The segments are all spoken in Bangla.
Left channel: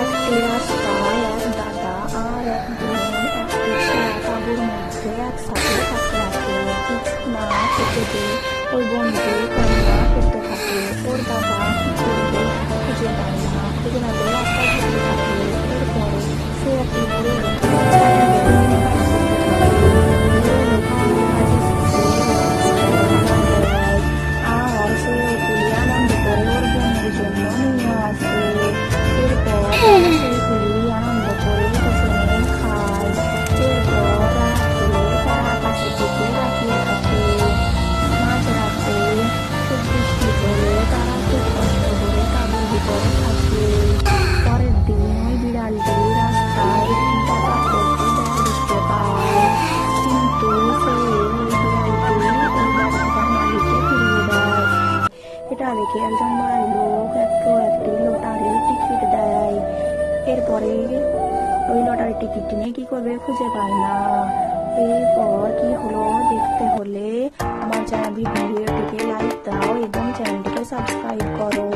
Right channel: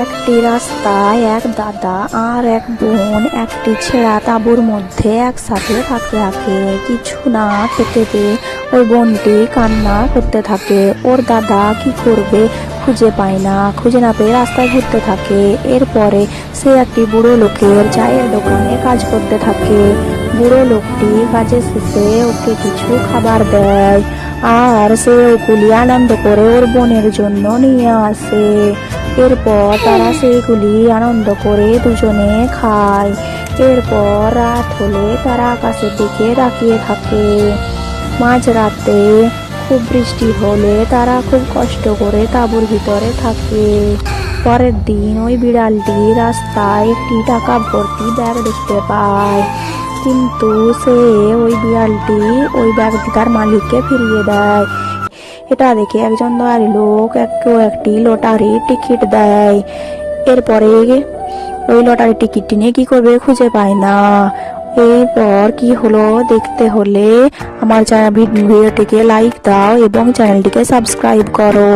একটি রাস্তায় এক দাদা আর এক বোন একটি ছেঁড়া তাঁবুর মধ্যে একসাথে থাকতে থাকে। কিছু না খেতে পেয়ে ওই বোনটি কান্না করতে থাকে। ওর দাদা কি করবে খুঁজে পায় না, খুঁজে না পেয়ে রাস্তায় ঘুরতে থাকে। এরপরে সে একটি বুড়ো লোকের চায়ের দোকানে কাজ করতে থাকে। বুড়ো লোকটি কাজের শেষে ওকে কিছু খাবার দেয় আর সে ওইগুলি আনন্দ করে ওর বোনের জন্য নিয়ে আসে। এরপর তারা সেগুলি আনন্দ করে দুজনে খায়। এরপর রাত হলে তারা আকাশের দিকে তাকিয়ে থাকে। মাঝরাতে খুব বৃষ্টি হলে তারা খুব কষ্ট করে তাঁবুর ভিতরে থাকে। পরের দিন ওই বিড়ালটি রাস্তায় একটি টাকা ভর্তি ব্যাগ দেখতে পায়, কিন্তু সে ওই বিড়ালটি ওই ব্যাগটি তার মালিককে ফিরিয়ে দেয়। এটা দেখে একজন দয়ালু লোক একটি লটারির টিকিট দেয়। এরপরে ওই লটারির টিকিটটি নিয়ে কি করবে খুঁজে পায় না। এরপর কি হলো দেখতে হলে আমার ভিডিওটিকে লাইক দাও এবং চ্যানেলটিকে সাবস্ক্রাইব করো।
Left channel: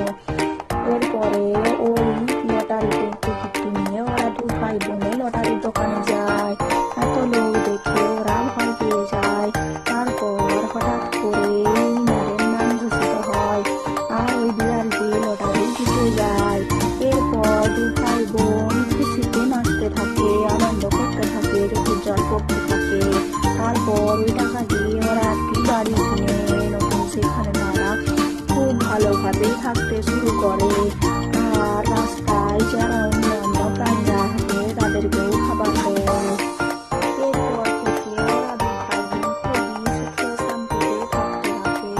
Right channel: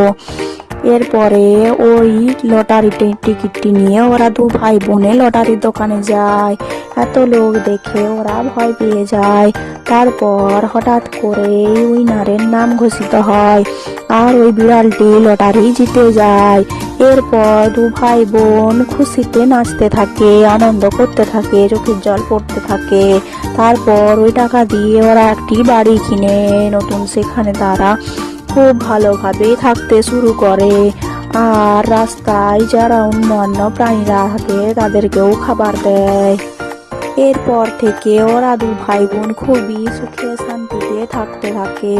এরপরে ওই লটারি টিকিটটি নিয়ে ওরা দু ভাই বোনে লটারির দোকানে যায়। এত লোক দেখে ওরা ভয় পেয়ে যায়। তারপর হঠাৎ করে উইনারের নাম ঘোষিত হয় আর ওই বিড়ালটি লটারি জিতে যায়। এরপর দু ভাই বোন খুশিতে নাচতে থাকে, আনন্দ করতে থাকে, চোখের জল পড়তে থাকে। তারপর ওই টাকা দিয়ে ওরা একটি বাড়ি কিনে নতুন সেখানে তারা খুব ভালোভাবে থাকতে শুরু করে। আর রাস্তায় যারা অন্যান্য প্রাণীরা থাকে তাদেরকেও খাবার দেয়। এরপর থেকে ওরা দু ভাই বোন খুবই সুখে শান্তিতে থাকতে থাকে।